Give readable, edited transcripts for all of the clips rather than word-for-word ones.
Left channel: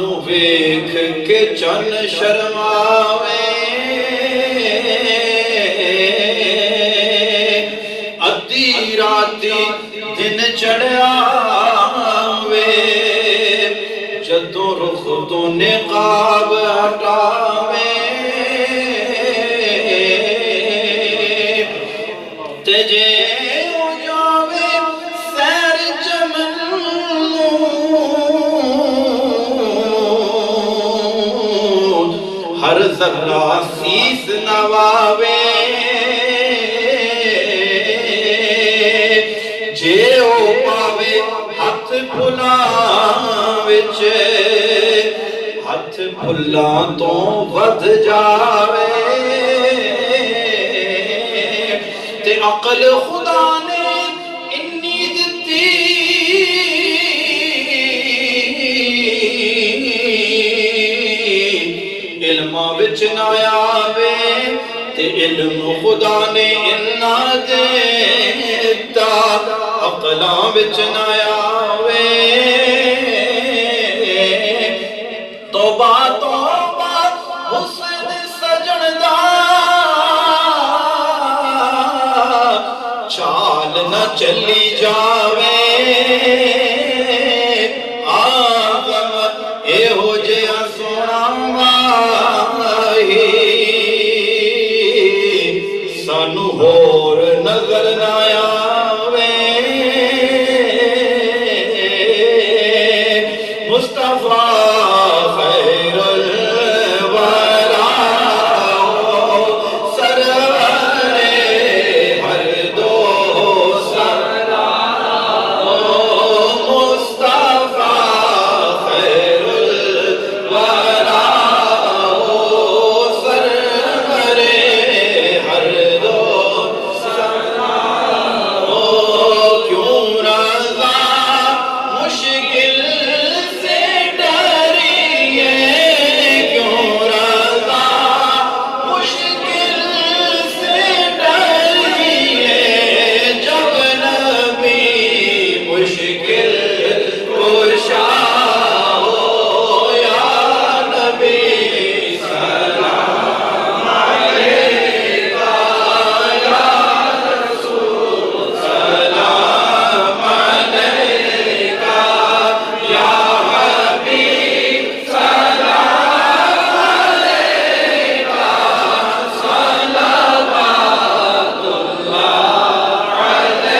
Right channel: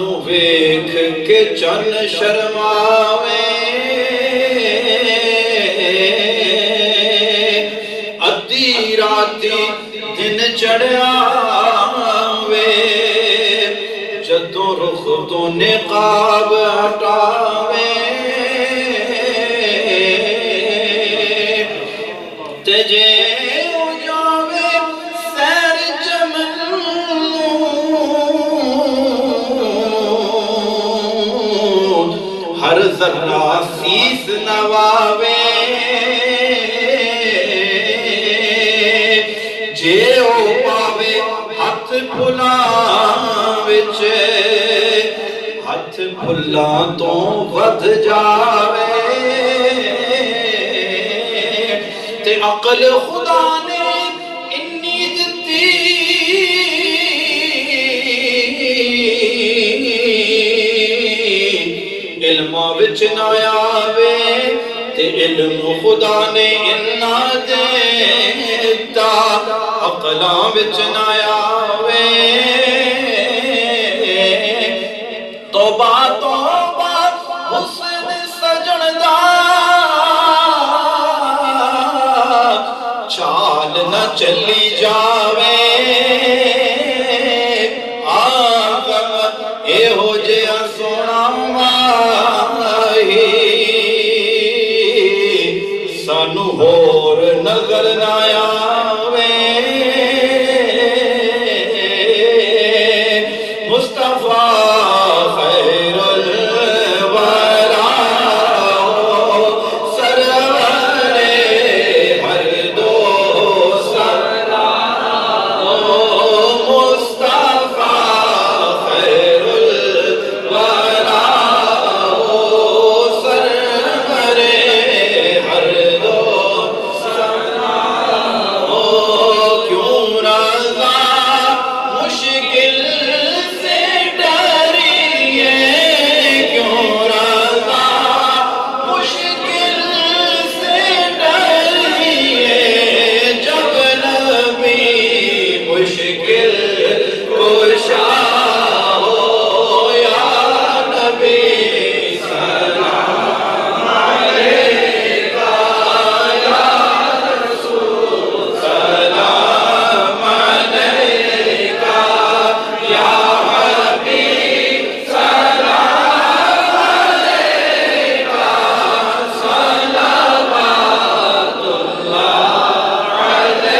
جنوں ویکھ کے چن شرماوے ادھی راتی دن چڑھاوے جدوں رخ تو نقاب ہٹاوے تے جے ہو جاوے سیر جمل ہر ذرہ سیس نواوے جے ہو پاوے ہاتھ پھلاں وچ ہاتھ پھلاں تو ود جاوے تے عقل خدا نے انی دتی علم وچ نہ آوے تے علم خدا نے انا دیتا عقلاں وچ نہ آوے توبہ توبہ حسن سجن دا چال نہ چلی جاوے آدم اے ہو جیا سونا ماہی سانو ہور نظر نہ آوے مصطفیٰ خیر الورا سرور ہر دو مصطفیٰ خیر الورا سرور ہر دو کیوں رضا مشکل سے ڈریے کیوں رضا مشکل سے ڈریے جب نبی مشکل کشا ہو یا نبی سلام علیکہ یا رسول سلام علیکہ یا حبیب سلام علیکہ صلوات اللہ علیکہ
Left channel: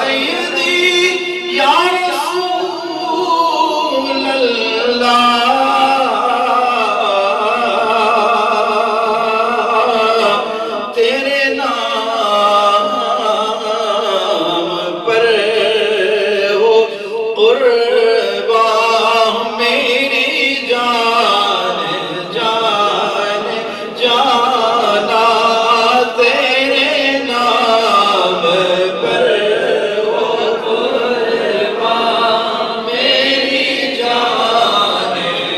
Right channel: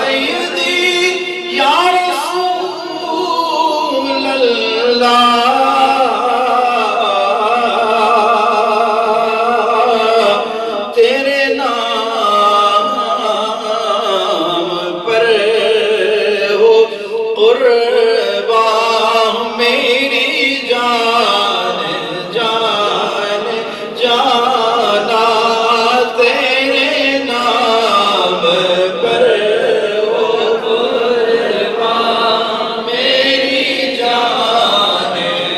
سیدی یا رسول اللہ تیرے نام پر ہو قربان میری جان جان جانا تیرے نام پر ہو قربان میری جان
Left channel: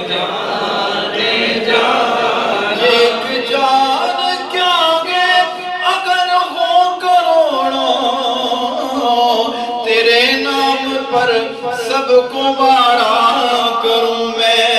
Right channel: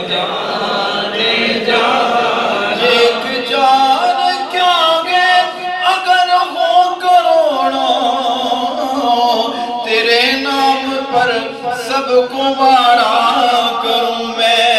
جان جان ایک جان کیا گے اگر ہو کروڑوں تیرے نام پر سب کو وارا کروں میں